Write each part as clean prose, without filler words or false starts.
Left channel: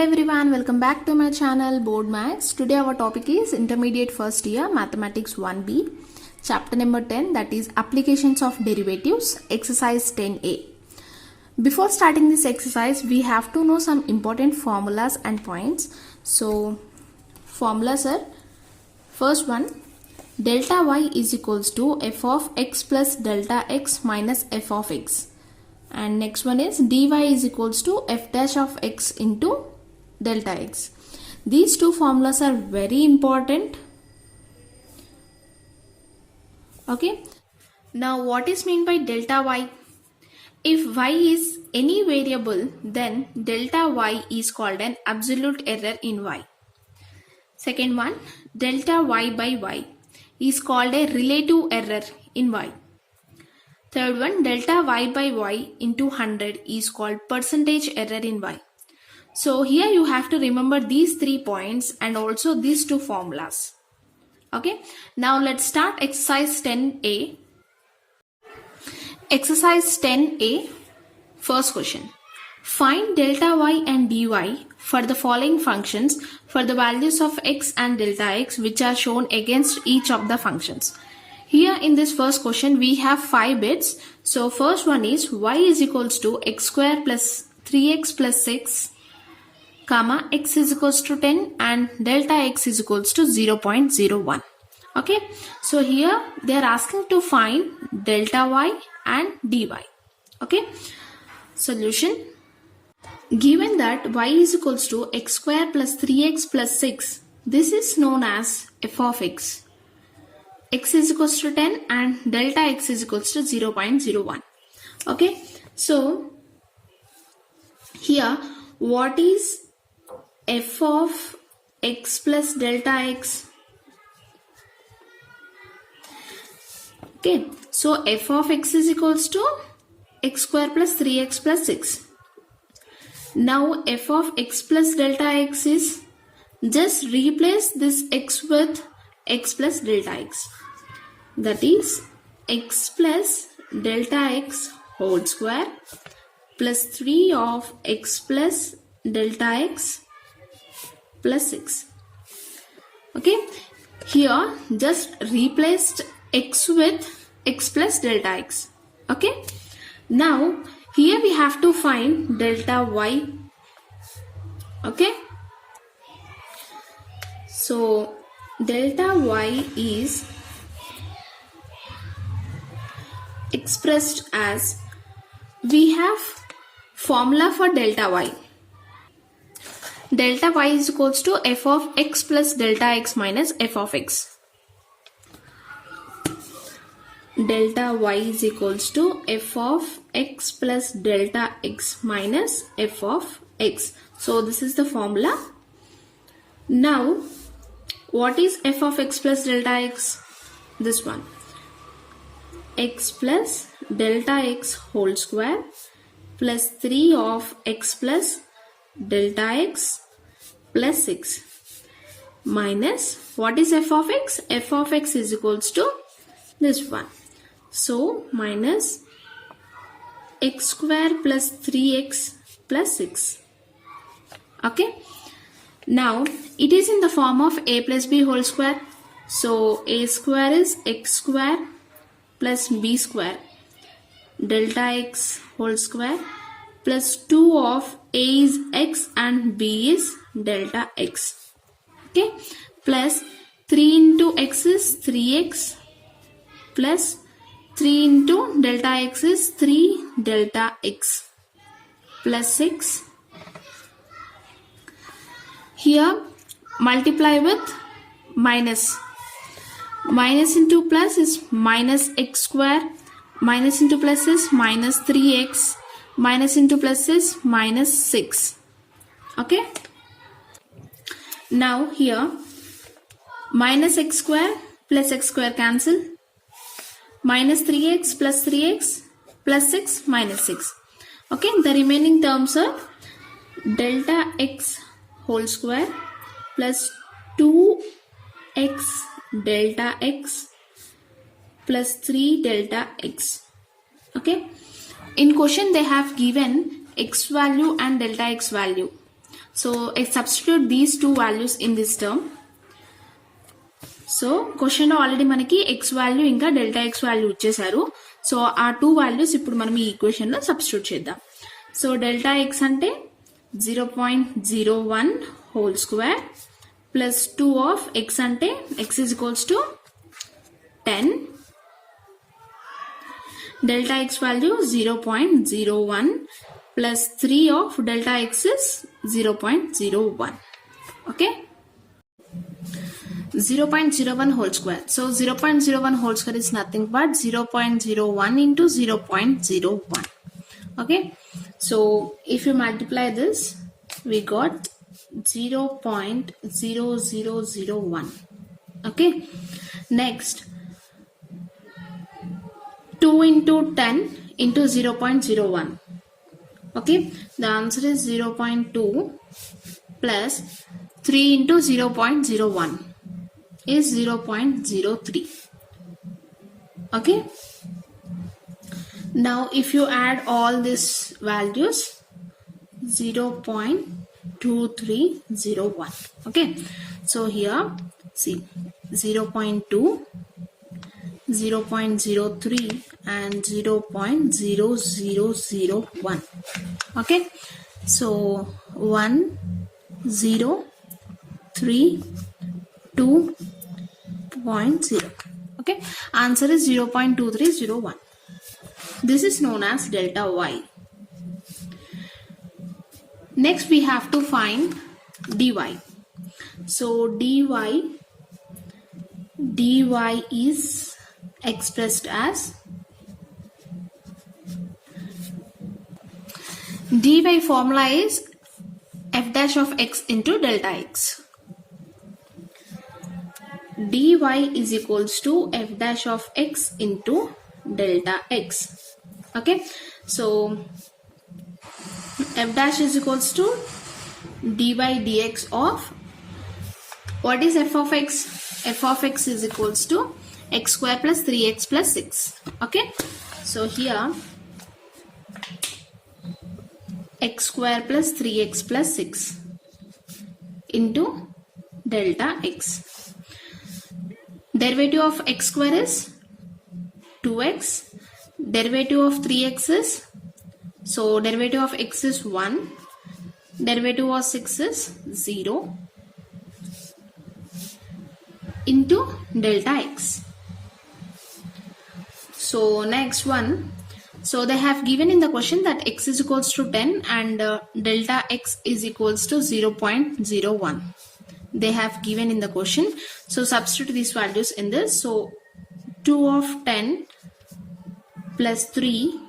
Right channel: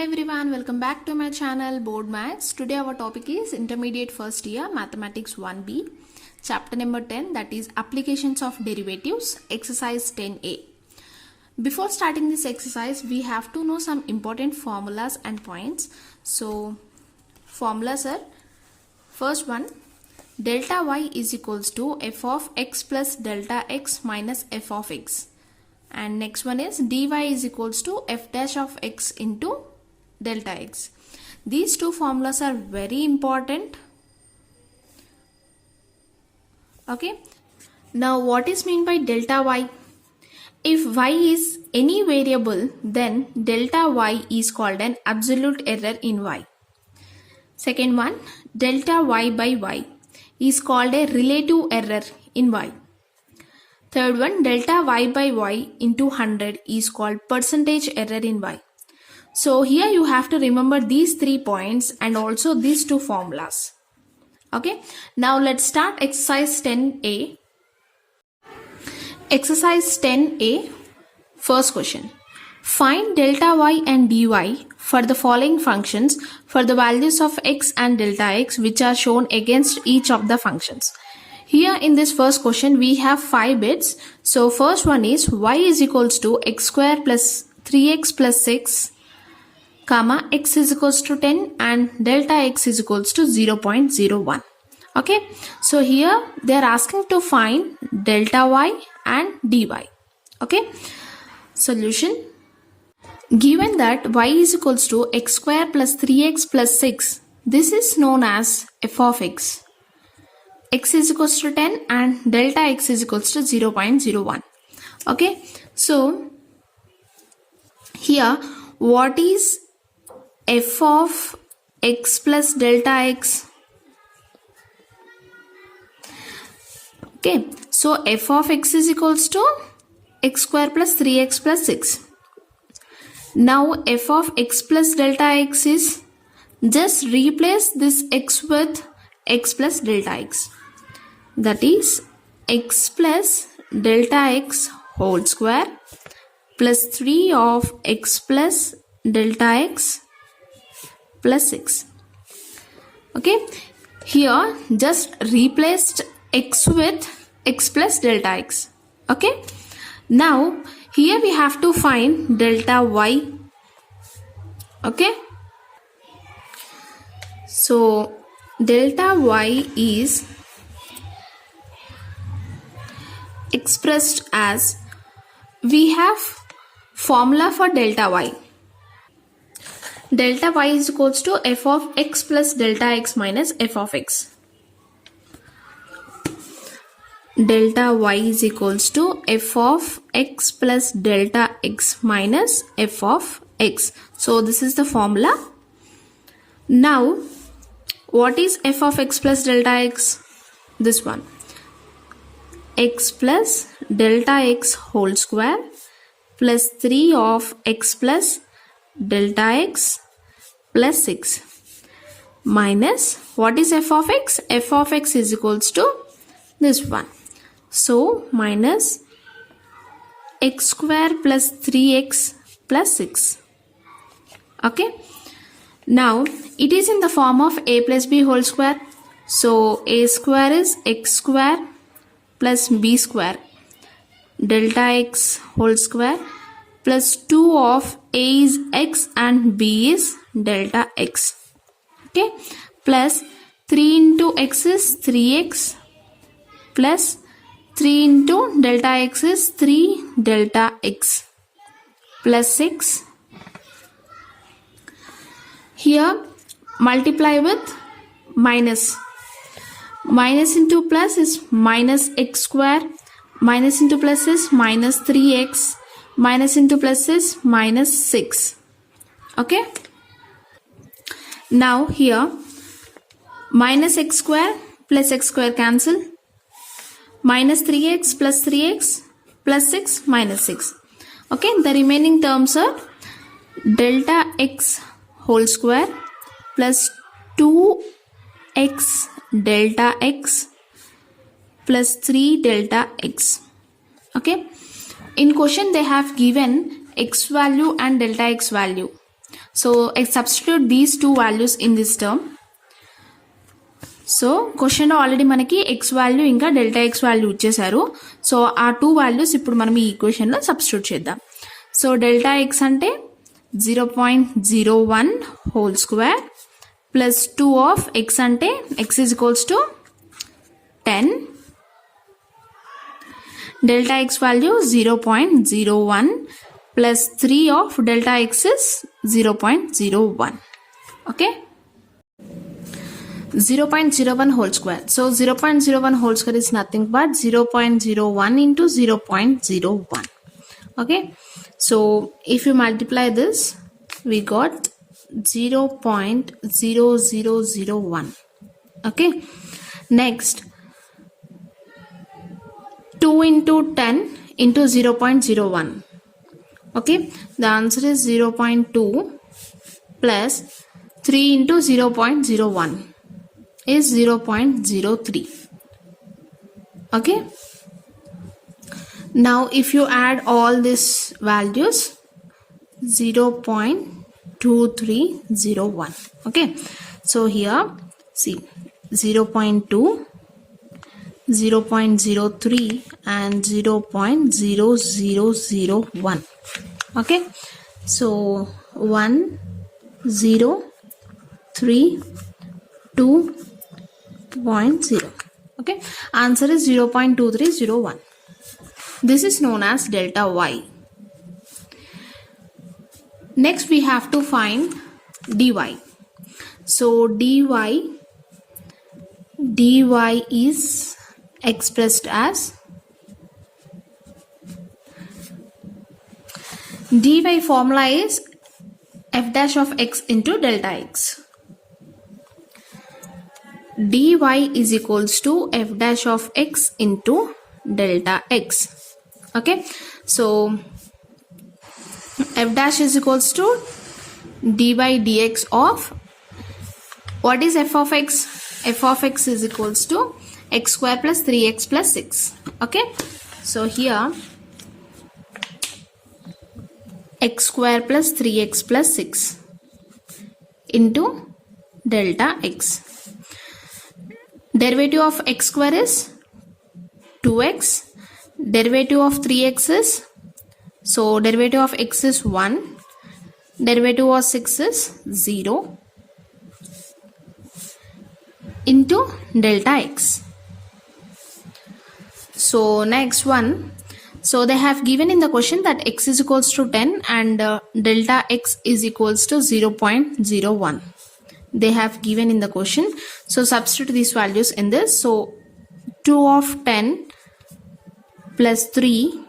Hello everyone, welcome back to my channel Board Maths. Today our topic is Intermediate First Year Mathematics 1B, Chapter number 10, that is Applications of Derivatives, Exercise 10A. Before starting this exercise, we have to know some important formulas and points. So, formulas are, first one, delta y is equals to f of x plus delta x minus f of x. And next one is dy is equals to f dash of x into delta x. These two formulas are very important. Okay. Now what is meant by delta y? If y is any variable, then delta y is called an absolute error in y. Second one, delta y by y is called a relative error in y. Third one, delta y by y into 100 is called percentage error in y. So here you have to remember these 3 points and also these two formulas. Okay. Now let's start exercise 10A. Exercise 10A, first question. Find delta y and dy for the following functions for the values of x and delta x which are shown against each of the functions. Here in this first question we have 5 bits. So first one is y is equals to x square plus 3x plus 6 comma x is equals to 10 and delta x is equals to 0.01. Okay. So here they are asking to find delta y and dy. Okay. Solution. Given that y is equals to x square plus 3x plus 6, this is known as f of x. X is equals to 10 and delta x is equals to 0.01. Okay. So here what is f of x plus delta x? Okay. So f of x is equals to x square plus 3x plus 6. Now f of x plus delta x is, just replace this x with x plus delta x. That is x plus delta x whole square plus 3 of x plus delta x plus 6. Okay. Here just replaced x with x plus delta x. Okay. Now here we have to find delta y. Okay. So delta y is expressed as, we have formula for delta y. Delta y is equals to f of x plus delta x minus f of x. Delta y is equals to f of x plus delta x minus f of x. So this is the formula. Now what is f of x plus delta x? This one. X plus delta x whole square plus 3 of x plus delta x plus 6 minus, what is f of x? F of x is equals to this one. So minus x square plus 3x plus 6. Okay. Now it is in the form of a plus b whole square. So a square is x square plus b square delta x whole square plus 2 of a is x and b is delta x. Okay. Plus 3 into x is 3x plus 3 into delta x is 3 delta x plus 6. Here multiply with minus. Minus into plus is minus x square. Minus into plus is minus 3x. Minus into plus is minus 6. Okay. Now here minus x square plus x square cancel. Minus 3x plus 3x plus 6 minus 6. Okay. The remaining terms are delta x whole square plus 2x delta x plus 3 delta x. Okay. In question they have given x value and delta x value. So I substitute these two values in this term. So క్వశ్చన్లో already మనకి x value ఇంకా delta x value ఇచ్చేసారు. So ఆ two values ఇప్పుడు మనం ఈ ఈక్వేషన్లో substitute చేద్దాం. సో డెల్టా ఎక్స్ అంటే 0.01 whole square plus 2 of x అంటే x is equals to 10. Delta x value 0.01 plus 3 of delta x is 0.01. Okay, 0.01 whole square. So 0.01 whole square is nothing but 0.01 into 0.01. Okay, so if you multiply this, we got 0.0001. Okay, next 2 into 10 into 0.01. Okay, the answer is 0.2 plus 3 into 0.01 is 0.03. Okay, now if you add all these values, 0.2301. okay, so here see 0.2, 0.03 and 0.0001. okay, so 1 0 3 2 0. okay, answer is 0.2301. this is known as delta y. Next we have to find dy. So dy is expressed as dy formula is f dash of x into delta x. dy is equals to f dash of x into delta x. okay, so f dash is equals to d by dx of what is f of x? f of x is equals to x square plus 3x plus 6. okay, so here x square plus 3x plus 6 into delta x. Derivative of x square is 2x. Derivative of 3x is, so derivative of x is 1. Derivative of 6 is 0 into delta x. So next one, so they have given in the question that x is equals to 10 and delta x is equals to 0.01. they have given in the question. So substitute these values in this. So 2 of 10 plus 3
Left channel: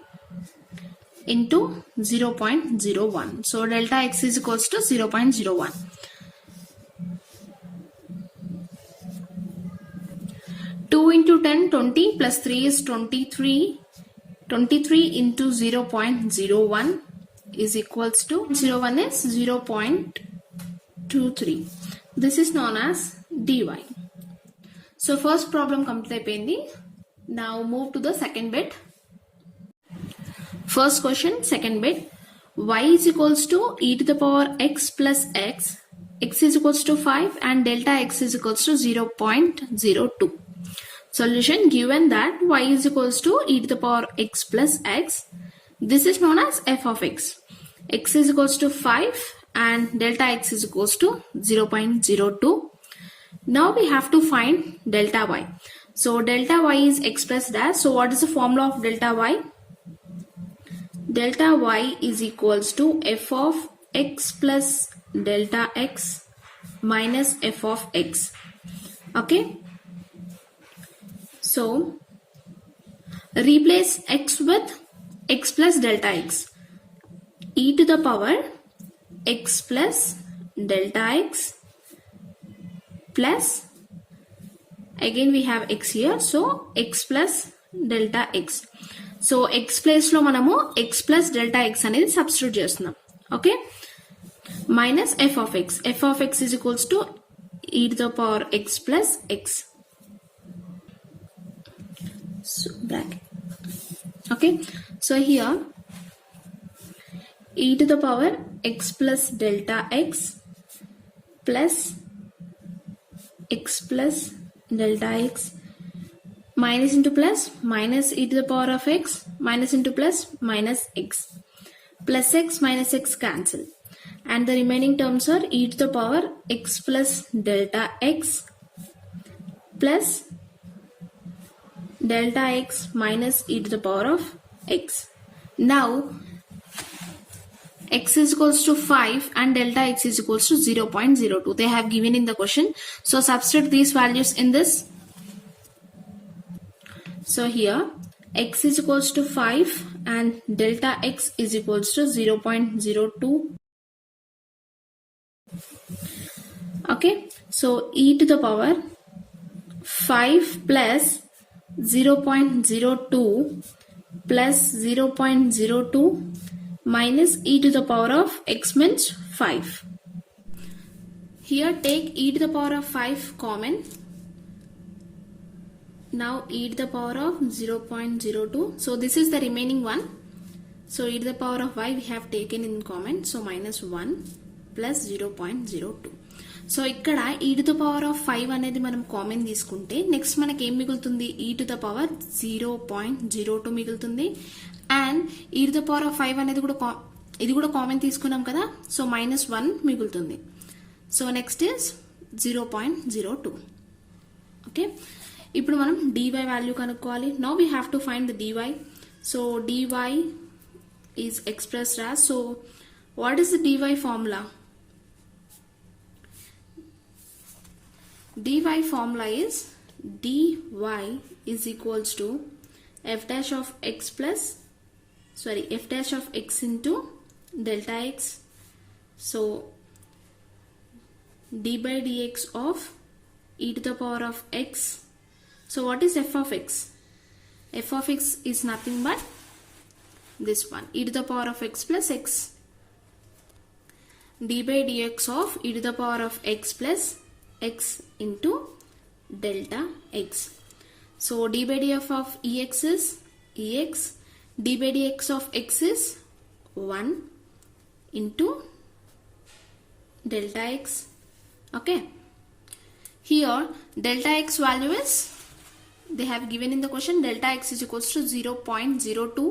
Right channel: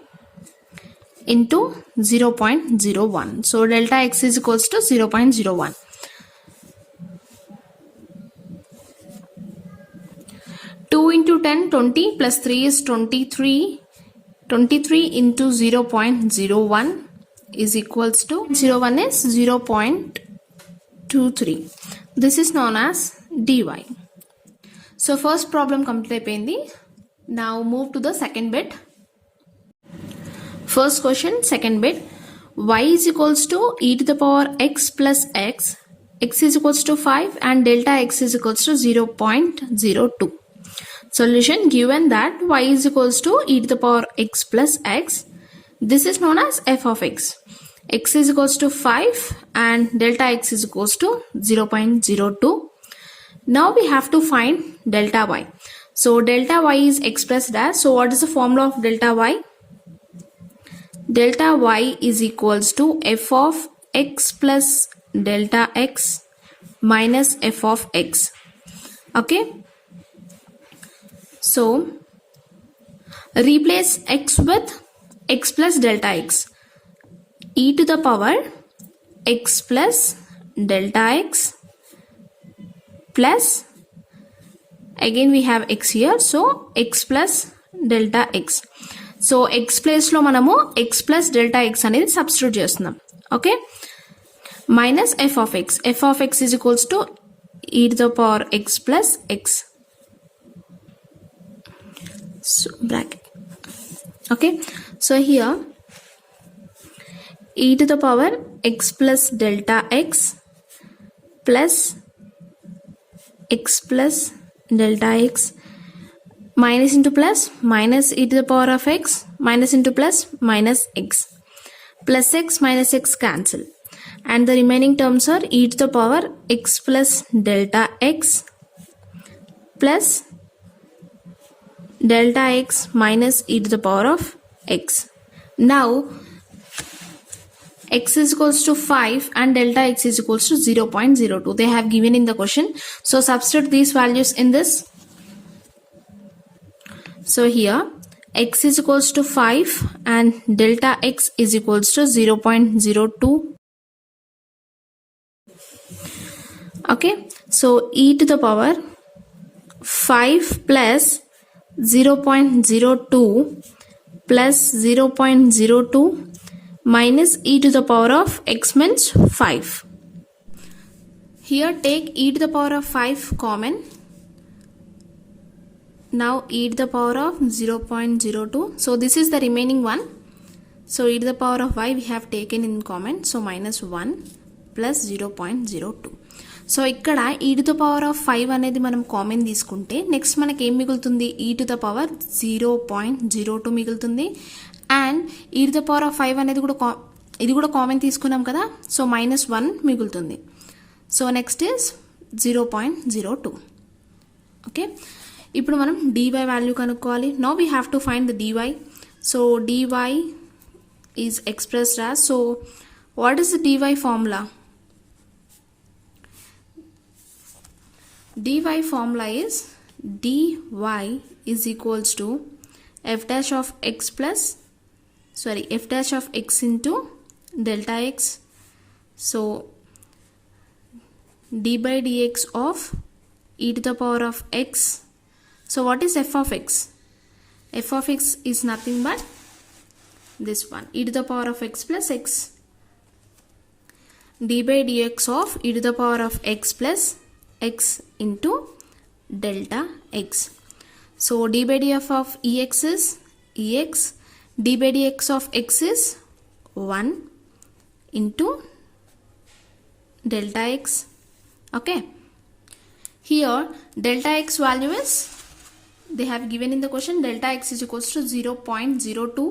into 0.01. So delta x is equals to 0.01. 2 into 10 20 plus 3 is 23. 23 into 0.01 is equals to 01 is 0.23. This is known as dy. So first problem complete అయిపోయింది. Now move to the second bit. First question, second bit. y is equals to e to the power x plus x. x is equals to 5 and delta x is equals to 0.02. Solution, given that y is equals to e to the power x plus x. This is known as f of x. x is equals to 5 and delta x is equals to 0.02. Now we have to find delta y. So delta y is expressed as, so what is the formula of delta y? Delta y is equals to f of x plus delta x minus f of x. Okay, so replace x with x plus delta x. e to the power x plus delta x plus, again we have x here, so x plus delta x. So x place లో మనము x plus delta x అనేది substitute చేస్తున్నాం. Okay, minus f of x. f of x is equals to e to the power x plus x. So bracket. Okay, so here e to the power x plus delta x plus x plus delta x minus into plus minus e to the power of x minus into plus minus x minus x cancel, and the remaining terms are e to the power x plus delta x plus delta x minus e to the power of x. Now x is equals to 5 and delta x is equals to 0.02. They have given in the question. So substitute these values in this. So here x is equals to 5 and delta x is equals to 0.02. Okay, so e to the power 5 plus 0.02 plus 0.02 minus e to the power of x means 5. Here take e to the power of 5 common. Now e to the power of 0.02. So this is the remaining one. So e to the power of y we have taken in common. So minus 1 plus 0.02. So ఇక్కడ e to the power of 5 అనేది మనం common తీసుకుంటే next మనకి ఏం మిగులుతుంది, e to the power 0.02 మిగులుతుంది. And e to the power of 5 అనేది ఇది కూడా కామన్ తీసుకున్నాం కదా, సో minus 1 మిగులుతుంది. So next is 0.02. ఓకే, ఇప్పుడు మనం dy వాల్యూ కనుక్కోవాలి. Now we have to find the dy. So dy is expressed as, so what is the dy formula? dy formula is dy is equals to f dash of x into delta x. So d by dx of e to the power of x. So what is f of x? F of x is nothing but this one, e to the power of x plus x. d by dx of e to the power of x plus x into delta x. So d by df of ex is ex, d by dx of x is 1 into delta x. Okay, here delta x value is, they have given in the question, delta x is equals to 0.02.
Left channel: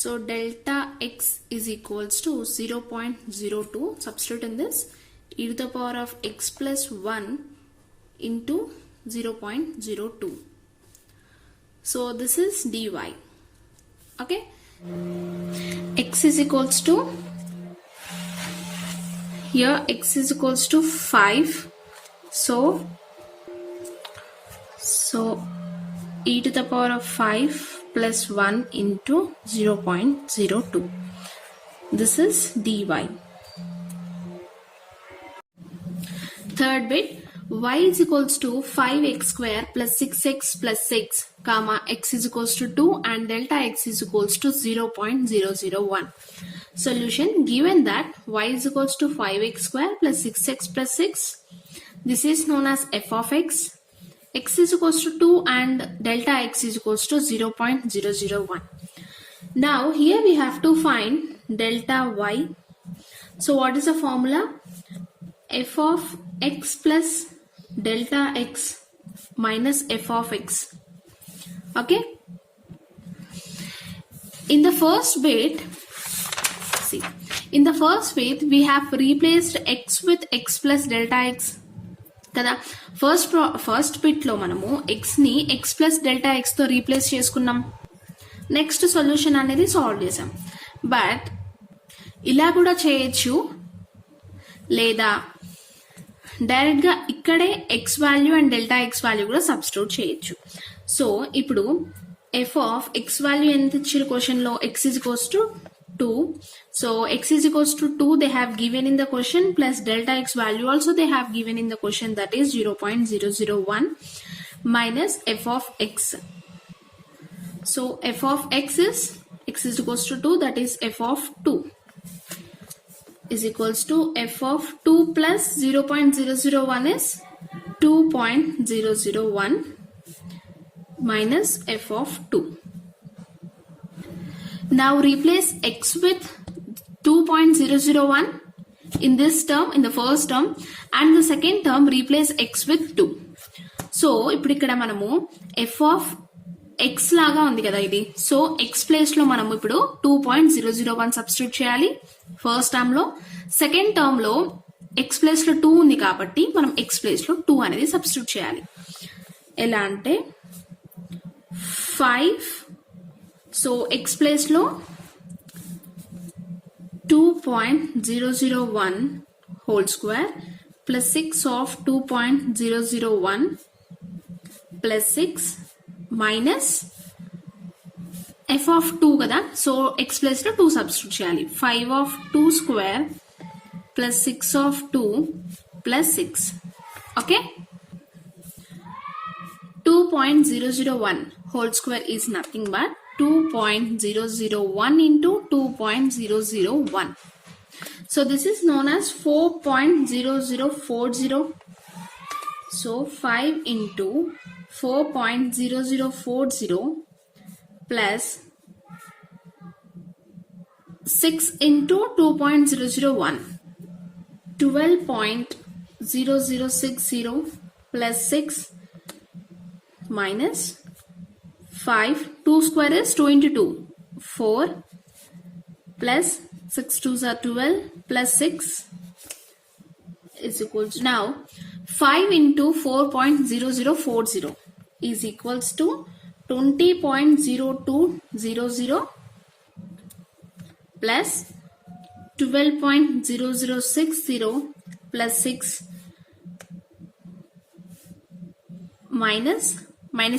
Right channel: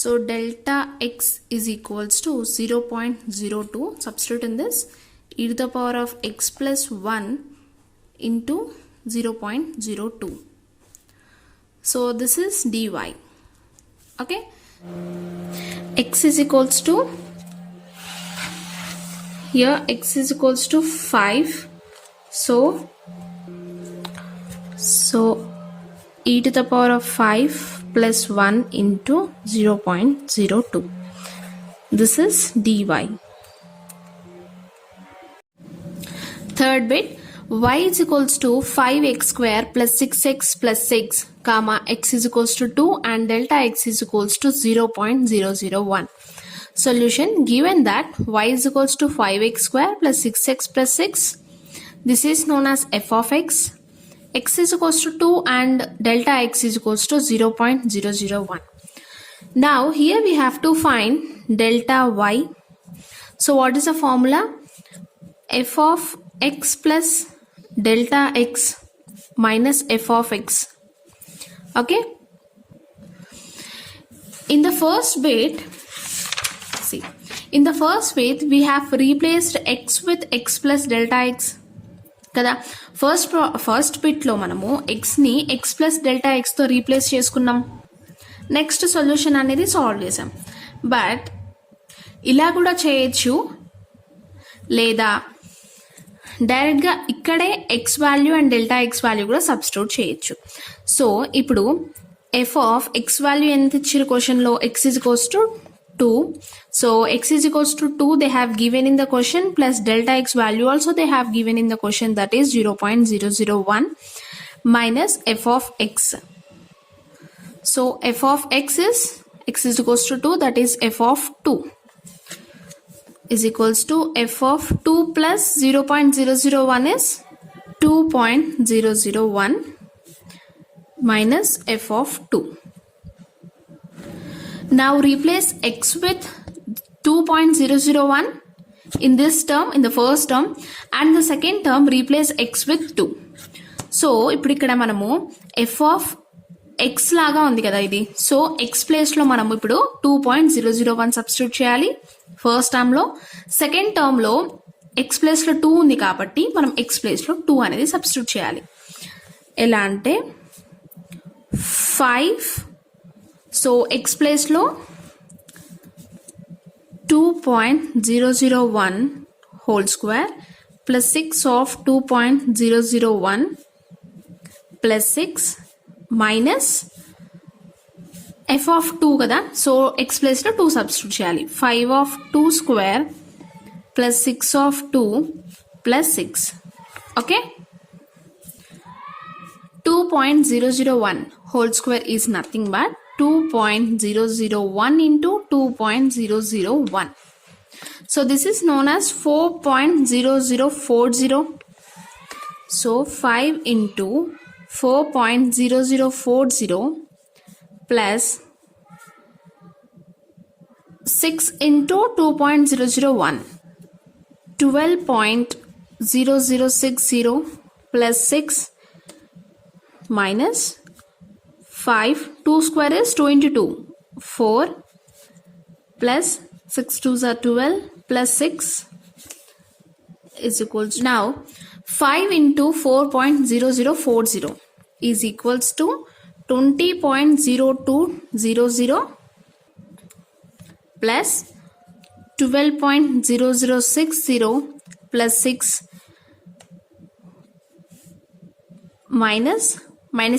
So delta x is equals to 0.02. substitute in this, e to the power of x plus 1 into 0.02. So this is dy. Okay, x is equals to, here x is equals to 5. So e to the power of 5 plus 1 into 0.02. This is dy. Third bit, y is equals to 5x square plus 6x plus 6 comma x is equals to 2 and delta x is equals to 0.001. Solution, given that y is equals to 5x square plus 6x plus 6, this is known as f of x is equals to 2 and delta x is equals to 0.001. Now here we have to find delta y. So what is the formula? F of x plus delta x minus f of x. Okay, in the first bit, see, in the first bit we have replaced x with x plus delta x కదా. First బిట్లో మనము ఎక్స్ని X plus delta ఎక్స్తో replace చేసుకున్నాం. Next solution అనేది solve చేసాం. But ఇలా కూడా చేయొచ్చు, లేదా డైరెక్ట్గా ఇక్కడే X value and delta x value కూడా సబ్స్టిట్యూట్ చేయొచ్చు. సో ఇప్పుడు ఎఫ్ ఆఫ్ ఎక్స్ వాల్యూ ఎంత ఇచ్చారు క్వశ్చన్లో, X is equals to 2. So x is equals to 2 they have given in the question, plus delta x value also they have given in the question, that is 0.001 minus f of x. So f of x is equals to 2, that is f of 2 is equals to f of 2 plus 0.001 is 2.001 minus f of 2. Now replace x with 2.001 in this term, in the first term, and the second term replace x with 2. So ఇప్పుడు ఇక్కడ మనము f of x లాగా ఉంది కదా ఇది. So x place లో మనం ఇప్పుడు 2.001 సబ్స్టిట్యూట్ చేయాలి ఫస్ట్ టర్మ్ లో. సెకండ్ టర్మ్ లో x ప్లేస్ లో 2 ఉంది కాబట్టి మనం x ప్లేస్ లో 2 అనేది సబ్స్టిట్యూట్ చేయాలి. ఎలా అంటే 5, సో x ప్లేస్ లో 2.001 whole square plus 6 of 2.001 plus 6 minus f of 2 కదా, సో x ప్లేస్ లో 2 సబ్స్టిట్యూట్ చేయాలి. 5 of 2 square plus 6 of 2 plus 6. Okay, 2.001 whole square is nothing but 2.001 into 2.001. So this is known as 4.0040. So 5 into 4.0040 plus 6 into 2.001, 12.0060 plus 6 minus 5, 2 square is 2 into 2, 4 plus 6 2s are 12 plus 6 is equals to, now 5 into 4.0040 is equals to 20.0200 plus 12.0060 plus 6 minus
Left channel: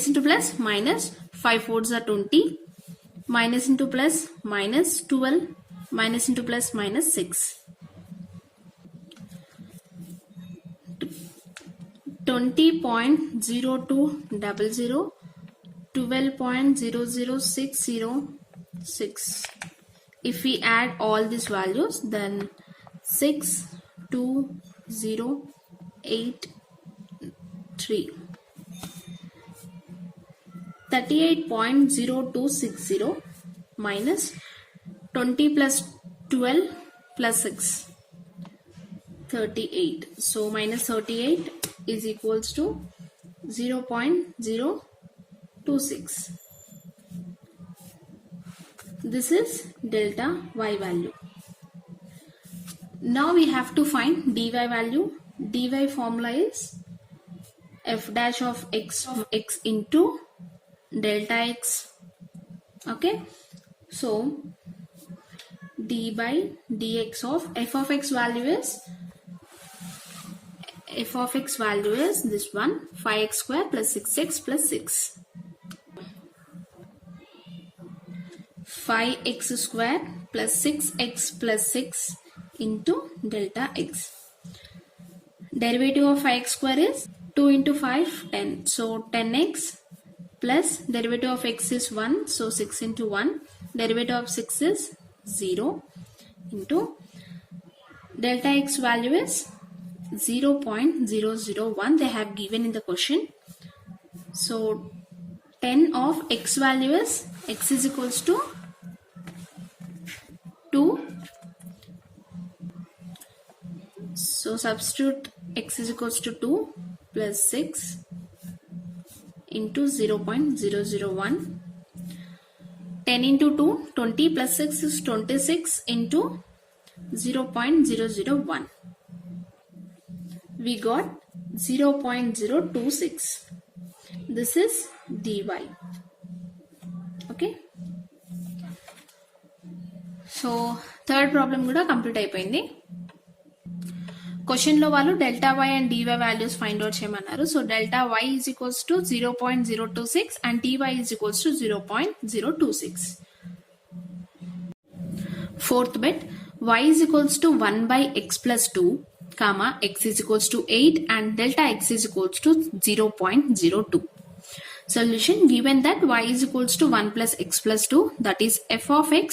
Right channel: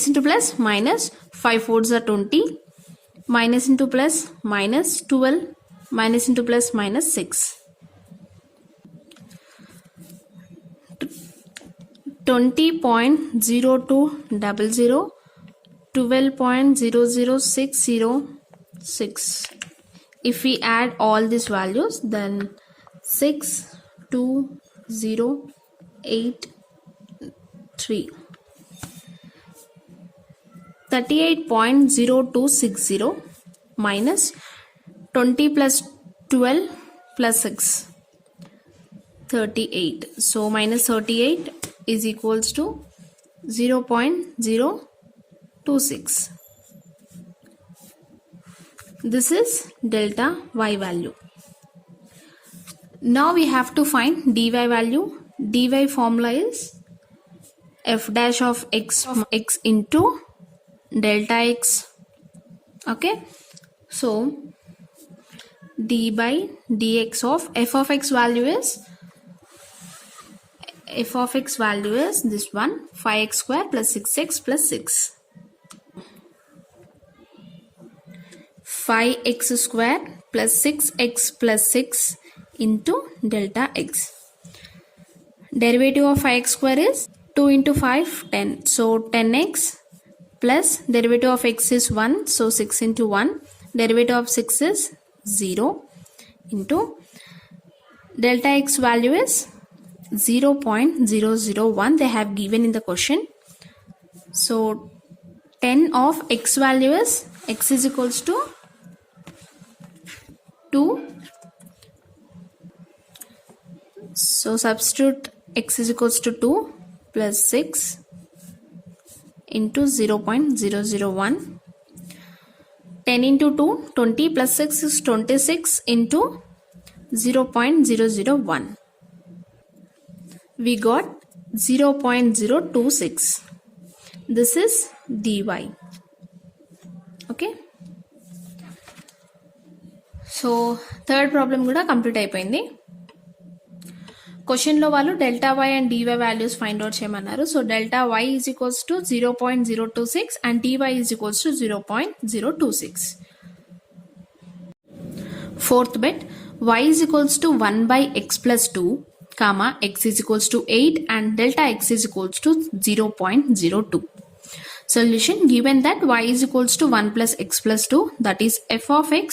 into plus minus 5 4s are 20, minus into plus minus 12, minus into plus minus 6. 20.0200, 12.00606. If we add all these values, then 62083. 38.0260 minus 20 plus 12 plus 6, 38. So minus 38 is equals to 0.026. This is delta y value. Now we have to find dy value. Dy formula is f dash of x into delta x. Okay, so d by dx of f of x value is this one, 5x square plus 6x plus 6. 5x square plus 6x plus 6 into delta x. Derivative of 5x square is 2 into 5, 10. So 10x plus derivative of x is 1, so 6 into 1. Derivative of 6 is 0 into delta x value is 0.001 they have given in the question. So 10 of x value is x is equals to 2. So substitute x is equals to 2 plus 6 into 0.001. 10 into 2, 20 plus 6 is 26 into 0.001. We got 0.026. This is dy. Okay. So third problem kuda complete అయిపోయింది. Question లో వాళ్ళు delta y and d y values find out చేయమన్నారు. So delta y is equals to 0.026 and d y is equals to 0.026. Fourth bit, y is equals to 1 by x plus 2, comma x is equals to 8 and delta x is equals to 0.02. Solution, given that y is equals to 1 plus x plus 2, that is f of x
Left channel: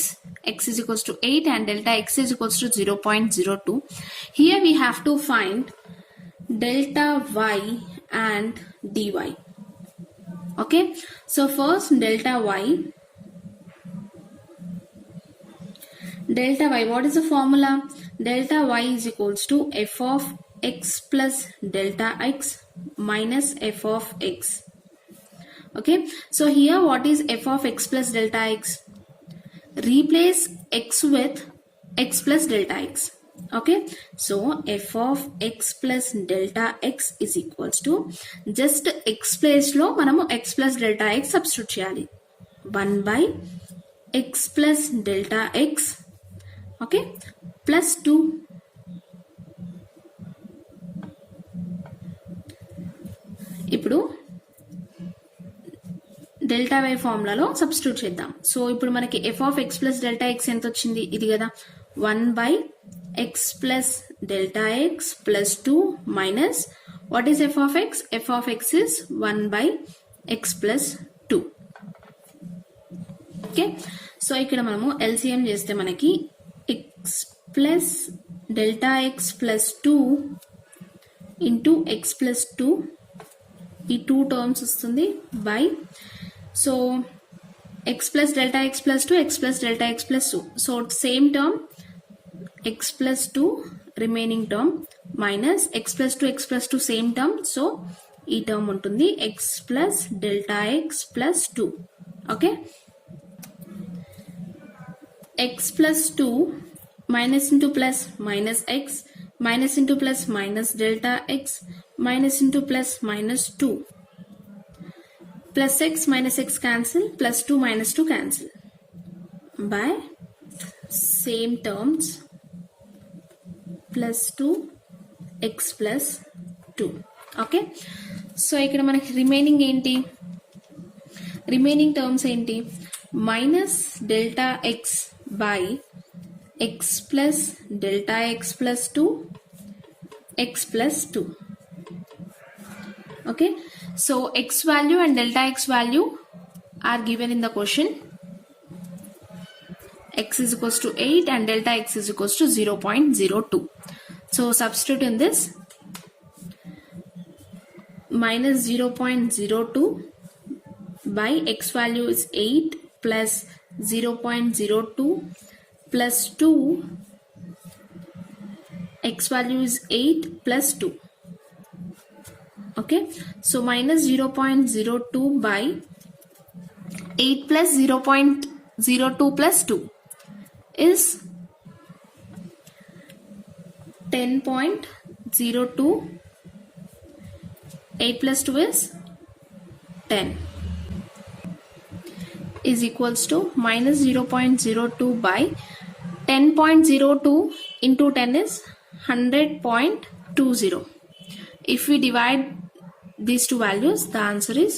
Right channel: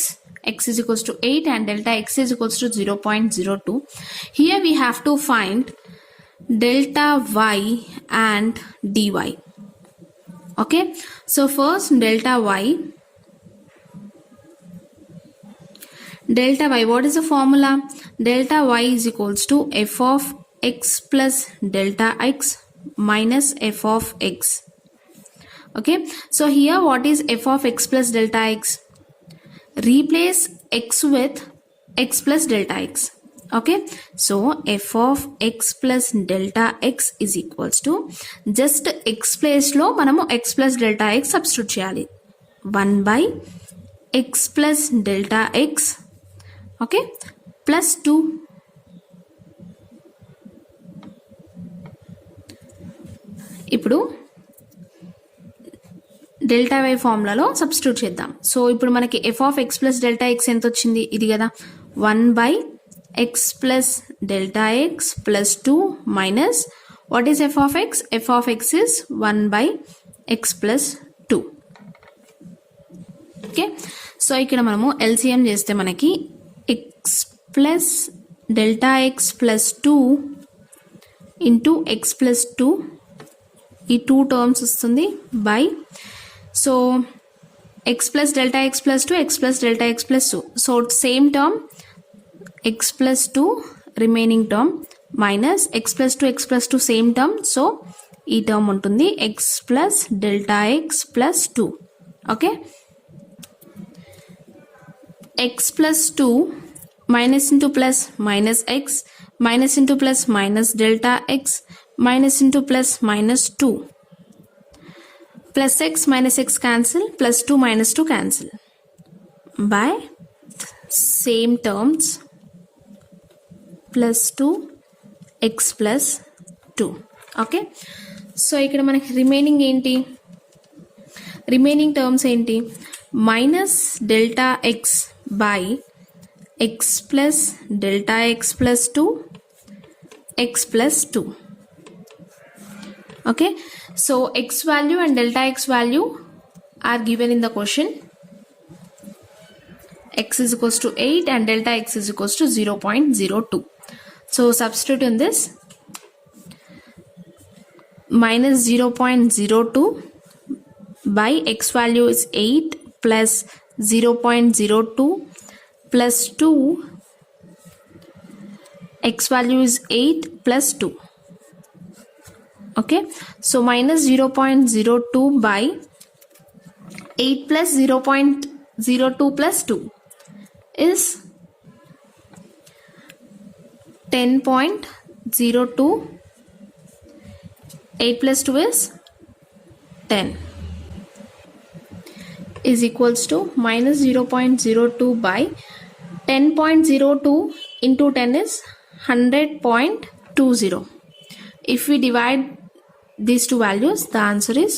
is equals to 8 and delta x is equals to 0.02. Here we have to find delta y and dy. Okay, so first delta y delta y, what is the formula? Delta y is equals to f of x plus delta x minus f of x. Okay, so here what is f of x plus delta x? Replace x with x plus delta x. Okay, so f of x plus delta x is equals to, just x place లో మనము x plus delta x substitute చేయాలి. 1 by x plus delta x, okay, plus 2. ఇప్పుడు delta Y ఫార్ములాలో substitute చేద్దాం. So ఇప్పుడు మనకి F of X plus delta X ఎంత వచ్చింది? ఇది కదా, 1 by x plus delta x plus 2 minus, what is f of x? f of x is 1 by x plus 2. Okay, so ఇక్కడ మనము LCM చేస్తే మనకి x plus delta x plus 2 into x plus 2, ఈ 2 terms వస్తుంది by, so x plus delta x plus 2, x plus delta x plus 2, so same term x plus 2 remaining term minus x plus 2 x plus 2 same term, so ఈ term ఉంటుంది x plus delta x plus 2. okay, x plus 2 minus into plus minus x, minus into plus minus delta x, minus into plus minus 2, plus x minus x cancel, plus 2 minus 2 cancel, by same terms plus 2 x plus 2. Okay, so ఇక్కడ మనకి remaining ఏంటి? Remaining terms ఏంటి? Minus delta x by x plus delta x plus 2 x plus 2. Okay, so x value and delta x value are given in the question. x is equals to 8 and delta x is equals to 0.02. So substitute in this, minus 0.02 by x value is 8 plus 0.02 plus 2, x value is 8 plus 2. Okay, so minus 0.02 by 8 plus 0.02 plus 2 is 10.02. 8 plus 2 is 10, is equals to minus 0.02 by 10.02 into 10 is 100.20. If we divide these two values, the answer is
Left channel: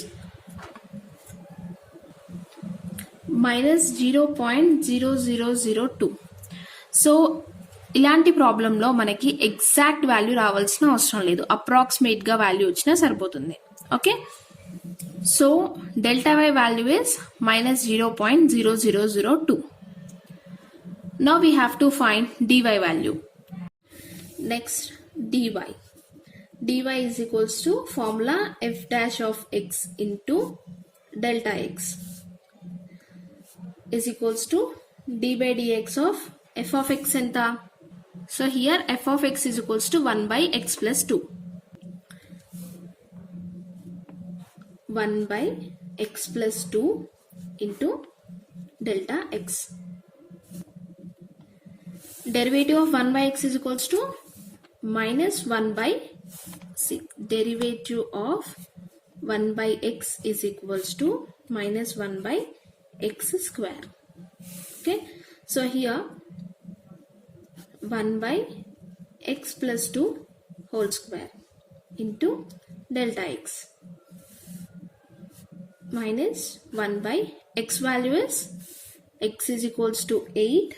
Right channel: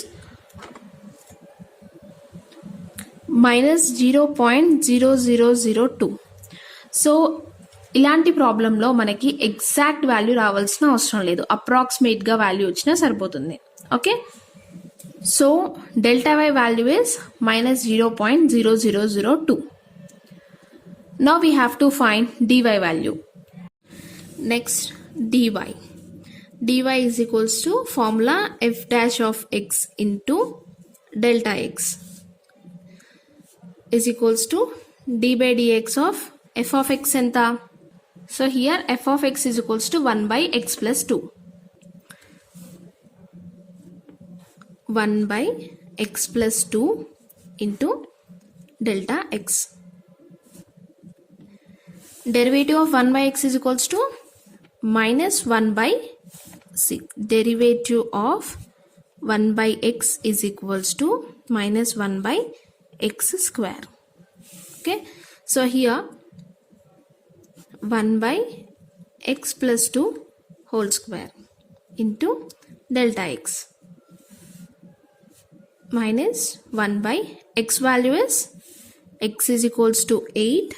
minus 0.0002. So ఇలాంటి ప్రాబ్లంలో మనకి exact value రావాల్సిన అవసరం లేదు, అప్రాక్సిమేట్గా value వచ్చినా సరిపోతుంది. Okay, so delta y value is minus 0.0002. Now we have to find dy value. Next, dy is equals to formula f dash of x into delta x is equals to d by dx of f of x enta. So here f of x is equals to 1 by x plus 2. 1 by x plus 2 into delta x. Derivative of 1 by x is equals to minus 1 by c. Derivative of 1 by x is equals to minus 1 by x square. Okay, so here 1 by x plus 2 whole square into delta x minus 1 by x value is x is equals to 8,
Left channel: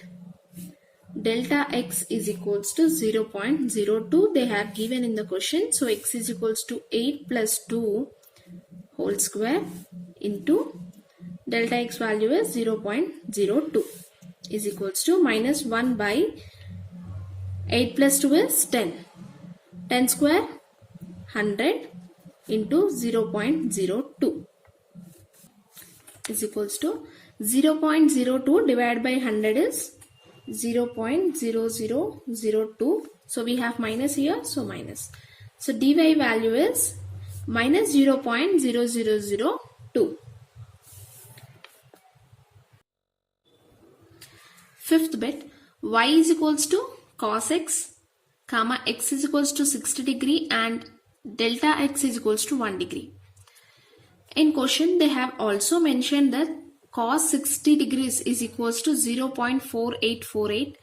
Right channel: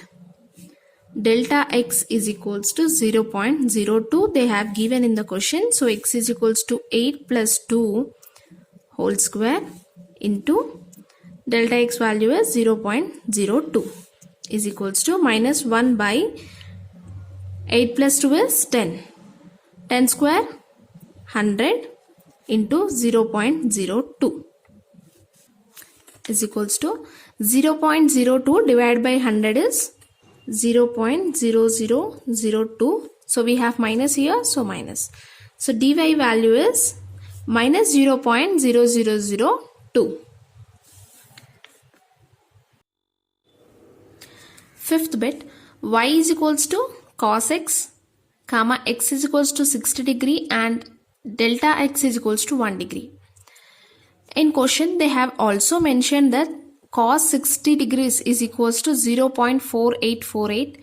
delta x is equals to 0.02. They have given in the question, so x is equals to 8 plus 2 whole square into delta x value is 0.02 is equals to minus 1 by 8 plus 2 is 10. 10 square 100 into 0.02 is equals to 0.02 divided by 100 is 0.0002. So we have minus here, so minus. So dy value is minus 0.0002. Fifth bit, y is equals to cos x, comma x is equals to 60 degree and delta x is equals to 1 degree. In question, they have also mentioned that cos 60 degrees is equals to 0.4848,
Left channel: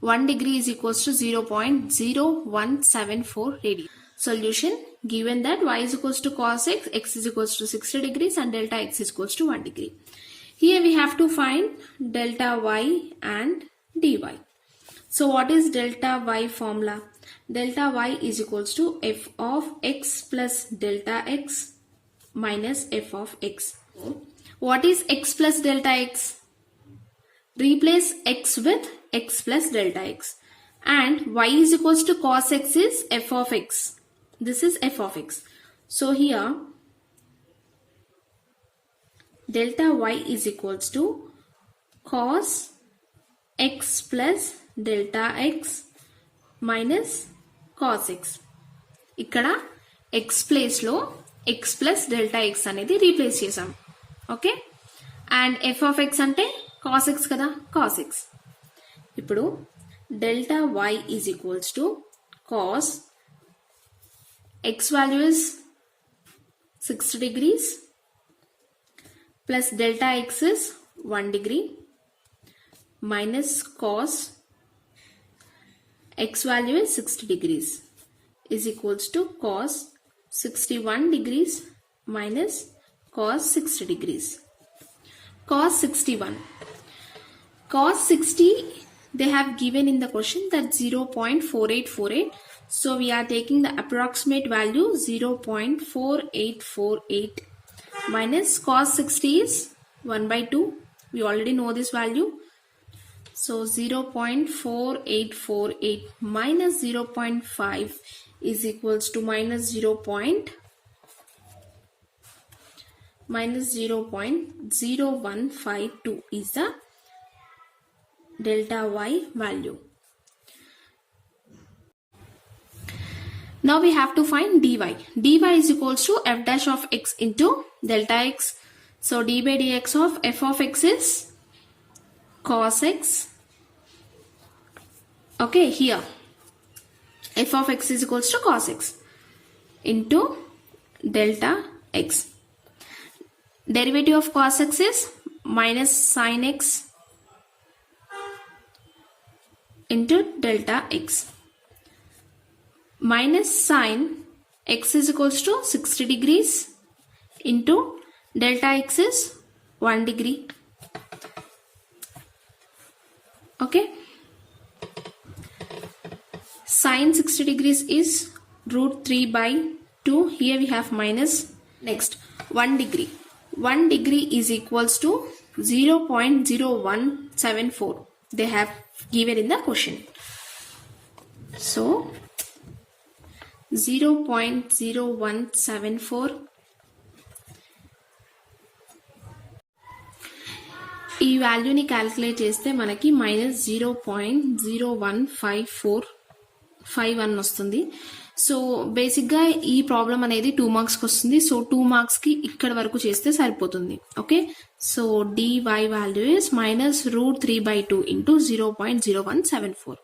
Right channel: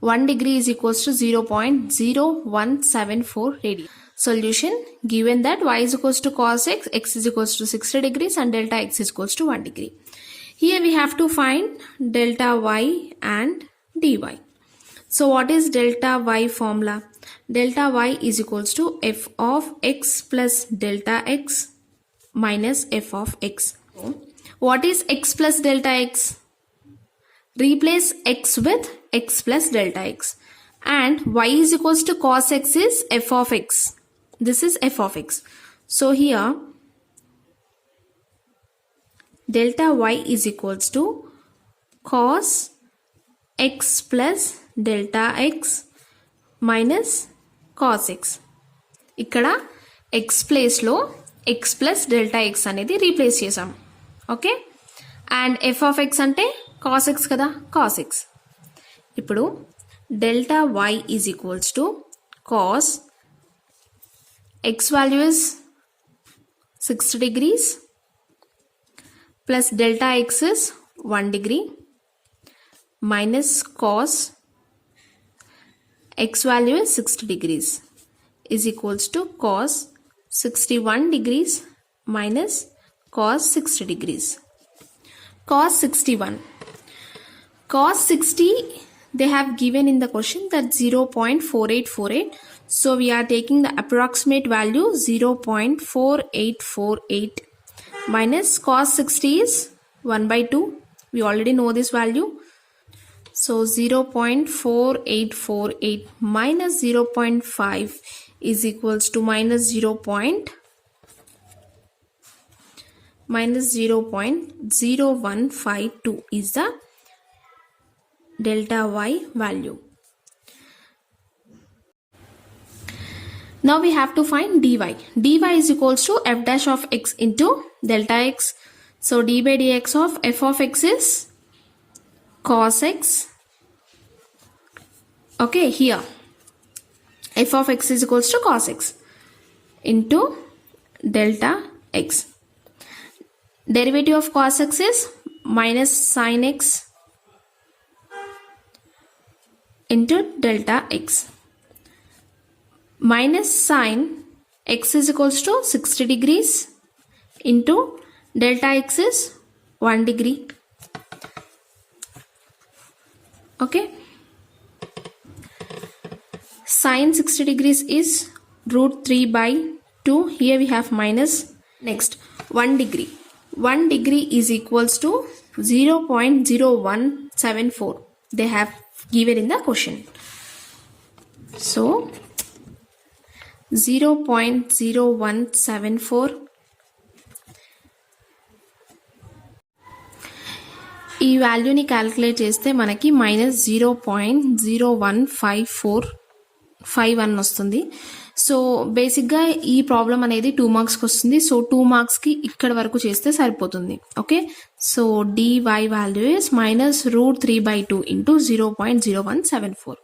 1 degree is equals to 0.0174 radian. Solution, given that y is equals to cos x, x is equals to 60 degrees and delta x is equals to 1 degree. Here we have to find delta y and dy. So what is delta y formula? Delta y is equals to f of x plus delta x minus f of x. What is x plus delta x? Replace x with x plus delta x. And y is equals to cos x is f of x. This is f of x. So here delta y is equals to cos x plus delta x minus cos x. ఇక్కడ x place లో x plus delta x అనేది replace చేసాం. Okay, and f of x అంటే cos x కదా, cos x. ఇప్పుడు delta y is equals to cos x value is 60 degrees plus delta x is 1 degree minus cos x value is 60 degrees is equals to cos 61 degrees minus cos 60 degrees. Cos 61. Cos 60 they have given in the question that 0.4848. So we are taking the approximate value 0.4848 minus cos 60 is 1 by 2. We already know this value. So 0.4848 minus 0.5 is equals to minus 0.0152 is the delta y value. Now we have to find dy. dy is equals to f dash of x into delta x. So d by dx of f of x is cos x. Okay, here f of x is equals to cos x into delta x. Derivative of cos x is minus sin x into delta x. Minus sin x is equals to 60 degrees into delta x is 1 degree. Okay, sin 60 degrees is root 3 by 2. Here we have minus. Next, 1 degree. 1 degree is equals to 0.0174. They have given in the question. So 0.0174. ఈ వాల్యూని calculate చేస్తే మనకి minus 0.01541 వస్తుంది. So బేసిక్గా ఈ problem అనేది 2 మార్క్స్కి వస్తుంది. సో 2 మార్క్స్కి ఇక్కడ వరకు చేస్తే సరిపోతుంది. Okay, so dy value is minus root 3 by 2 into 0.0174.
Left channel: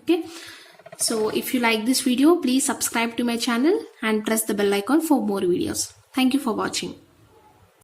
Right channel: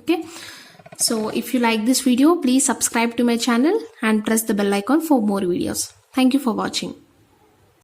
Okay, so if you like this video, please subscribe to my channel and press the bell icon for more videos. Thank you for watching.